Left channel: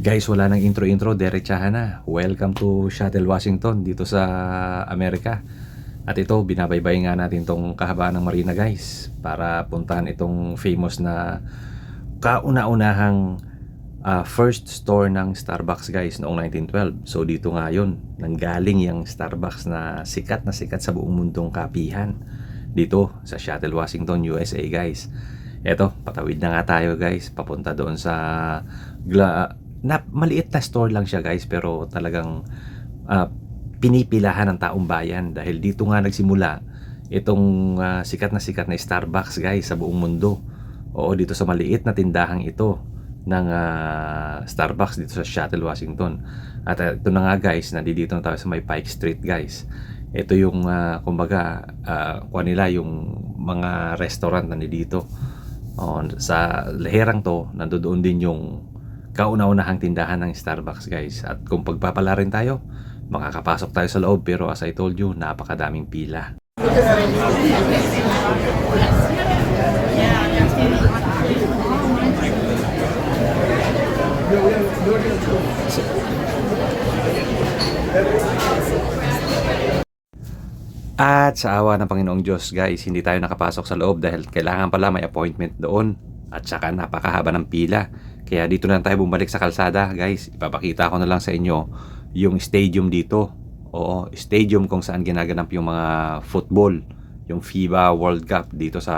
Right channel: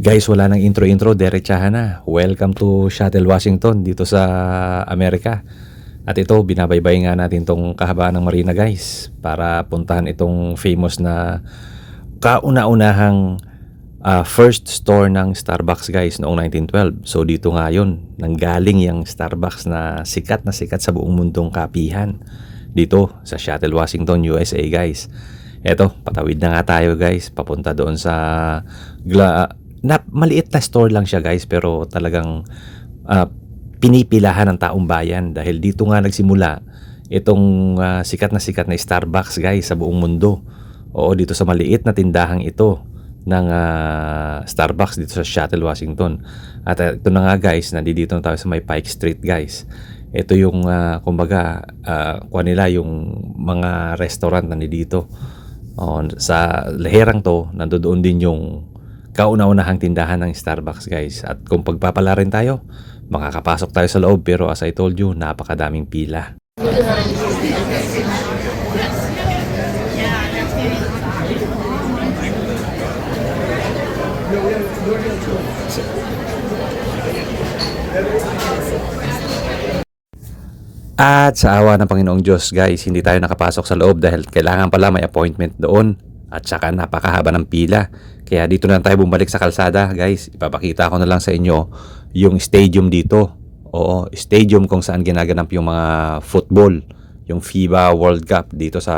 Guys, wala nang intro-intro, diretsahan na. Welcome to Seattle, Washington, dito sa Amerika. At ito, binabaybay nga natin tong kahabaan ng marina, guys, para puntahan itong famous na kauna-unahang first store ng Starbucks, guys, noong 1912. So dito nga yun, nanggaling yung Starbucks na sikat sa buong mundong kapihan. Dito sa Seattle, Washington, USA, guys. Eto, patawid na nga tayo, guys, papunta doon sa maliit na store lang siya, guys, pero talagang pinipilahan ng taong bayan dahil dito nga nagsimula itong sikat na Starbucks, guys, sa buong mundo. Oo, dito sa maliit na tindahang ito ng Starbucks dito sa Seattle, Washington. At ito na nga, guys, nandito na tayo sa may Pike Street, guys. Ito yung kumbaga kuha nila yung mga restaurant na dito. Sa leherang to, nandoon din yung kauna-unahang tindahan ng Starbucks, guys. At kung pagpapala rin tayo, makakapasok tayo sa loob, pero as I told you, napakadaming pila. At sa awa ng Panginoong Diyos, guys, hindi tayo nakapasok sa loob dahil kailangan pala may appointment doon. At saka napakahaba ng pila. Kaya dito na tayo bumalik sa kalsada, guys. Ipapakita ko na lang sa inyo yung stadium dito. Oo, stadium kung saan ginaganap yung mga football, yung FIBA World Cup dito sa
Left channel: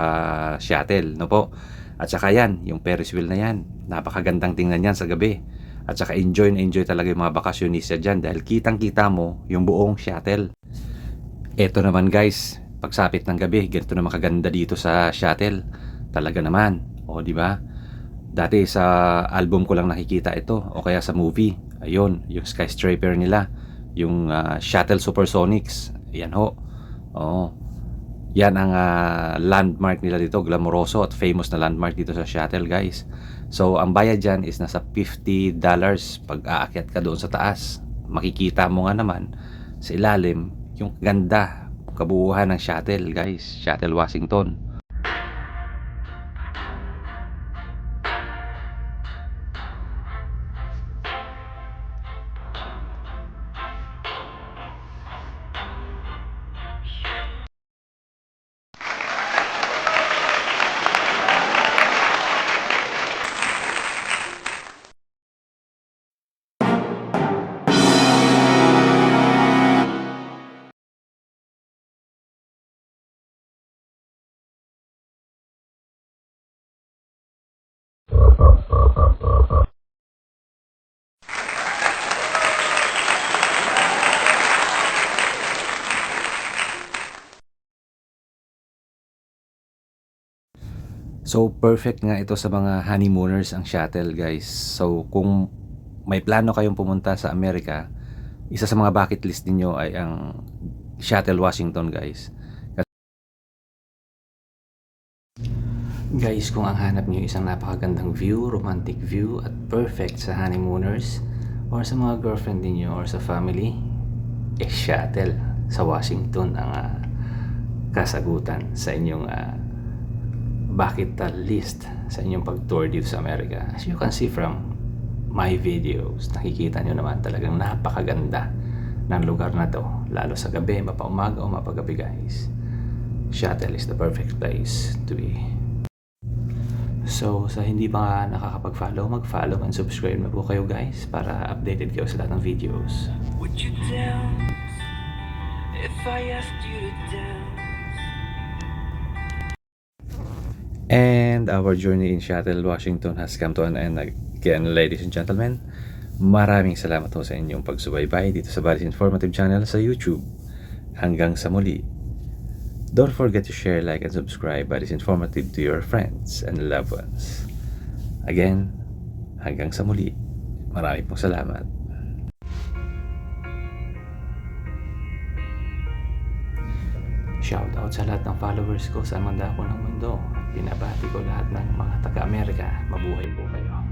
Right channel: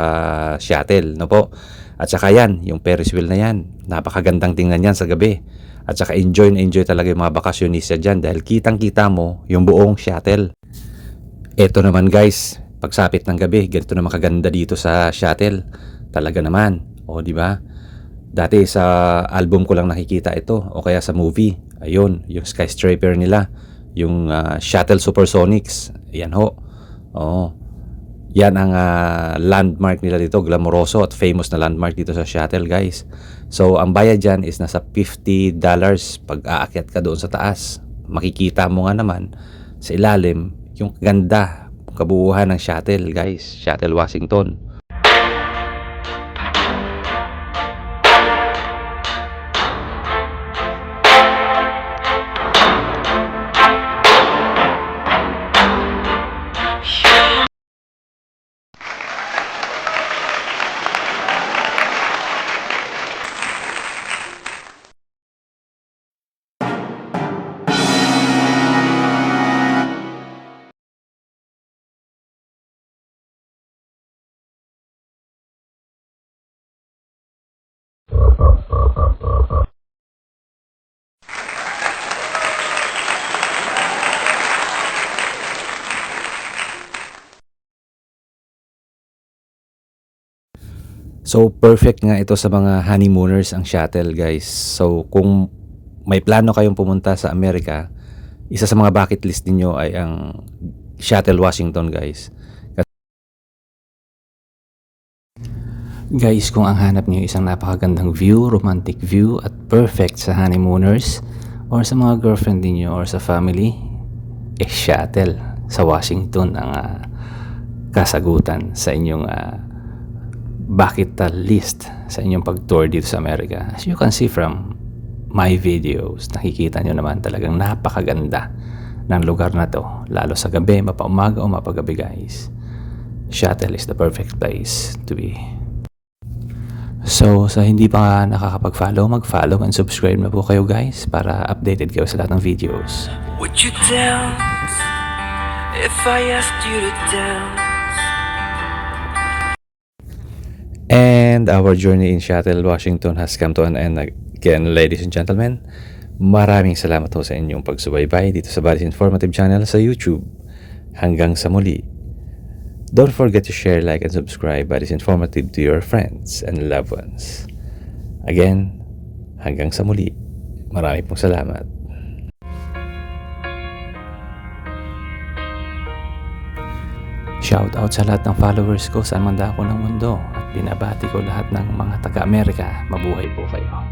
Seattle, no po. At saka yan, yung Ferris wheel na yan, napakagandang tingnan yan sa gabi. At saka enjoy na enjoy talaga yung mga bakasyonista dyan dahil kitang-kita mo yung buong Seattle. Eto naman, guys, pagsapit ng gabi, ganito na makaganda dito sa Seattle. Talaga naman, o di ba? Dati sa album ko lang nakikita ito o kaya sa movie. Ayun, yung skyscraper nila, yung Seattle Supersonics. Yan ho. Oo. Yan ang landmark nila dito, glamoroso at famous na landmark dito sa Seattle, guys. So, ang bayad dyan is nasa $50 pag aakyat ka doon sa taas. Makikita mo nga naman sa ilalim yung ganda, kabuuhan ng Seattle, guys. Seattle, Washington. So, perfect nga ito sa mga honeymooners ang Seattle, guys. So, kung may plano kayong pumunta sa Amerika, isa sa mga bucket list niyo ay ang Seattle, Washington, guys. Guys, kung ang hanap niyo isang napakagandang view, romantic view at perfect sa honeymooners or sa mga girlfriend niyo or sa family, Seattle sa Washington ang kasagutan sa inyong bucket list sa inyong pag-tour dito sa Amerika. As you can see from my videos, nakikita nyo naman talagang napakaganda ng lugar na to, lalo sa gabi, mapaumaga o mapagabi, guys. Seattle is the perfect place to be. So, sa hindi pa nakakapag-follow, mag-follow and subscribe na po kayo, guys, para updated kayo sa lahat ng videos. Would you dance if I asked you to dance? And our journey in Seattle, Washington has come to an end again, ladies and gentlemen. Maraming salamat po sa inyong pagsubaybay dito sa Buddy's Informative Channel sa YouTube. Hanggang sa muli. Don't forget to share, like, and subscribe Buddy's Informative to your friends and loved ones. Again, hanggang sa muli. Maraming pong salamat. Shout out sa lahat ng followers ko saan man dako ng mundo at binabati ko lahat ng mga taga-Amerika. Mabuhay po kayo.